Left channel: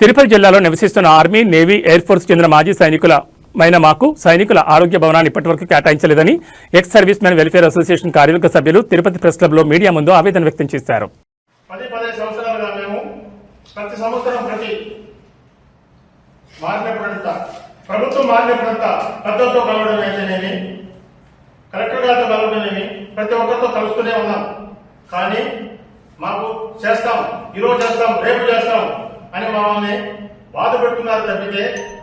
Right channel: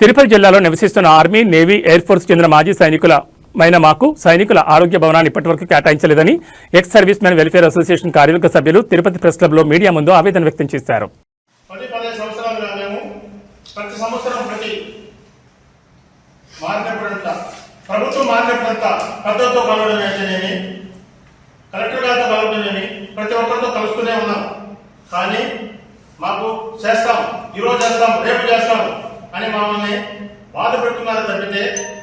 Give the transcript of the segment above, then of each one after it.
తిరుపతి జిల్లాలో నివసిస్తున్న army, navy, air force చెందిన మాజీ సైనికులమైన మాకు సైనికుల ఆరోగ్య భవనాన్ని ఇప్పటివరకు కేటాయించలేదని ex servicemen welfare association కార్యవర్గ సభ్యులు తిరుపతి ప్రెస్ క్లబ్లో మీడియా ముందు ఆవేదన వ్యక్తం చేశారు. ప్రభుత్వం మారినప్పుడంతా పద్ధతితో కలవడం ఏంటనేమి, కలెక్టర్ గారితో కలవడమేమి, ప్రతి ఒక్కరితో కలుస్తూనే ఉన్నాం. కానీ మాకు చేస్తాం, ఈరోజు చేస్తాం, రేపు చేస్తాం అని మమ్మల్ని బాధ పెడుతున్నారు తప్పితే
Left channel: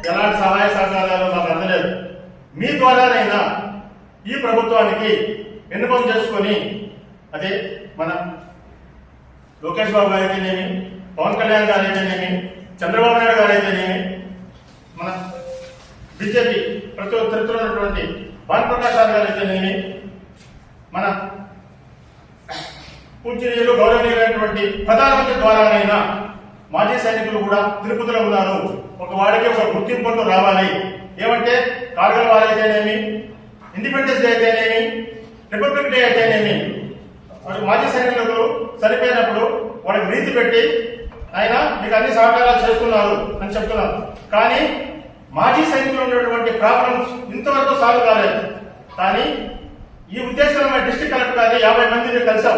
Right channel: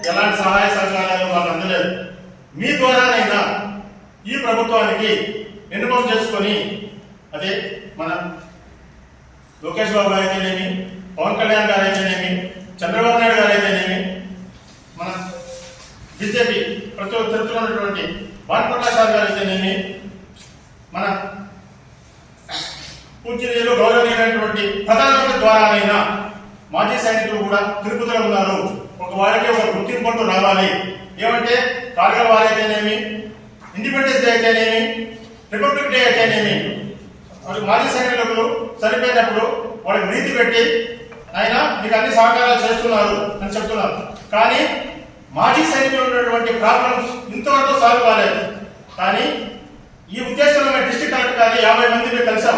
ఎలాంటి సహాయ సహకారాలు మాకు అందలేదు. మీ ద్వారానైనా ఈ ప్రభుత్వానికి విన్నపం చేసుకొని, అదే మన లోకేష్ బాబు గారు అయితేనేమి, పవన్ కళ్యాణ్ గారు అయితేనేమి, చంద్రబాబు నాయుడు గారు అయితేనేమి, మన బీజేపీ ప్రతినిధులు ఉన్నటువంటి భానుప్రకాష్ గారు అయితేనేమి, మన పూజ్యనీయులు గౌరవనీయులైనటువంటి ప్రధానమంత్రి ద్వారానైనా మాజీ సైనికులు కూడా తిరుపతిలో ఉన్నారు. ఒక వాడికి ఒక గుర్తింపు రావాలి. ఏమంటే కార్గిల్ వార్ అయితేనేమి, ఇండిపెండెన్స్ డే అయితేనేమి, రిపబ్లిక్ డే అయితేనేమి, మాజీ సైనికులు చనిపోయినప్పుడు వాళ్ళకి నీతి పెట్టి ఆయన మీకు అన్ని సహకారాలు చేస్తున్నారు అని చెప్తున్నారు. కానీ మాజీ సైనికులు ఉన్నటువంటి ప్రాబ్లమ్స్ ఇంతవరకు సాల్వ్ కాలేదు. కానీ ఈ ఉద్దేశంలో మేము డిస్ట్రిక్ట్ కలెక్టర్ గారి 50 మంది కలిసాం.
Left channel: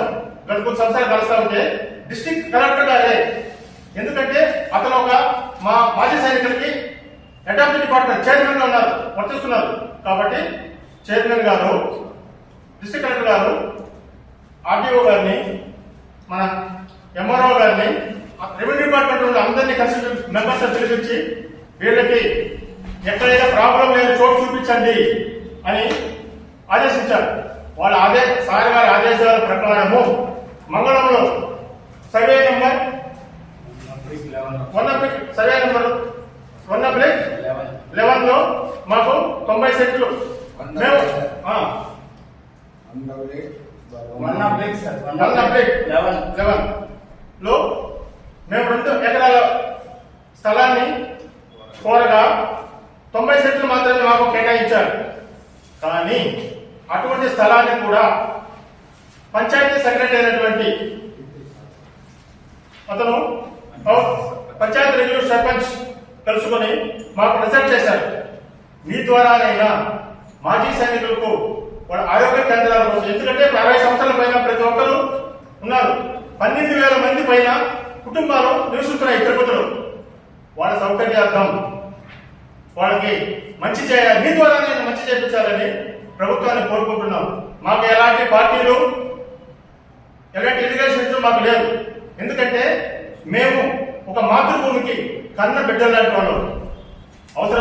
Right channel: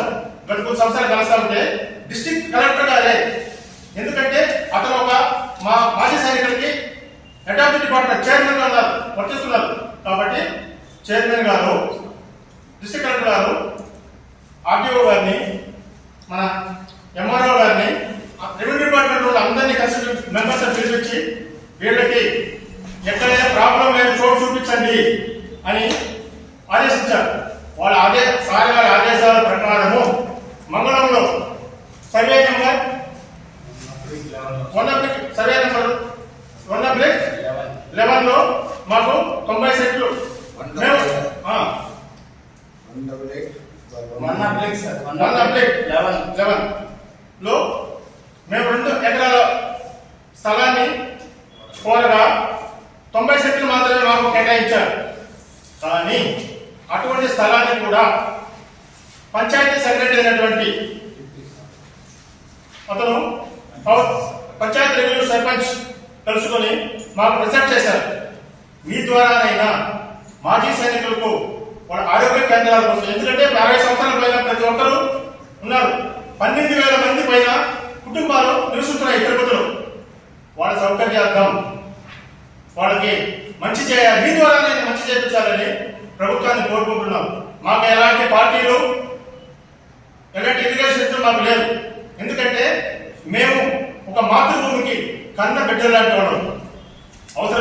గత కొన్ని సంవత్సరాలు కలుస్తా ఉంటే డిస్ట్రిక్ట్ కలెక్టర్ గారే, ఎందుకంటే అతను ఒక మా మాజీ సైనికులకి head of the department chairman గా ఉన్నారు, వర్తిస్తున్నారు. కాబట్టి చైర్మన్ గారు, డిస్ట్రిక్ట్ కలెక్టర్ గారు, ఆర్టీఓ గారిని, మన ఎంఆర్ఓ గారిని, రెవెన్యూ డిపార్ట్మెంట్ లో అందరినీ కలిసి మెంబర్స్ పిలిపించి వీళ్ళకి ఎక్కడైనా ప్రాబ్లం లేని చోటు చూపించండి అని ఆదేశించారు. వాళ్ళ సార్ గారి ఆదేశాల ప్రకారము మంగళంలో సర్వే నెంబర్ 1/11 లో మాకు 90 సెంట్లు లో మేము 2 ఎకరాల స్థలాన్ని కోరగా 90 సెంట్లు మాత్రమే మాకు కేటాయించారు. కానీ అటువంటి స్థలాన్ని కూడా పంచాయతీ సెక్రటరీ అయినటువంటి అతను పంచాయతీ రెవెన్యూ సర్పంచ్ కలుసుకొని మాకు రిసెప్ట్ చేశారు. మీ ద్వారానైనా మాజీ సైనికులకు వాళ్ళ ఆరోగ్య కేంద్రాల కోసం, ఎందుకంటే 60 సంవత్సరాల పైన ప్రతి ఒక్కరు ఉన్నారు. 12,000 మంది పైన కుటుంబాలు నివసిస్తున్నాయి తిరుపతిలో. వాళ్ళ సౌకర్యార్థం వాళ్ళకి మంచి చేయాలి, మీ ద్వారానైనా మంచి చేయించాలని ప్రభుత్వాన్ని కోరుకుంటున్నాం. మాకు ఎలాంటి పార్టీలు, ఎలాంటి ఇరిగేషన్ మాకు లేదు. ఎందుకంటే మేము ఒక మాతృభూమికి కన్న బిడ్డలాంటి వాళ్ళం. అవసరం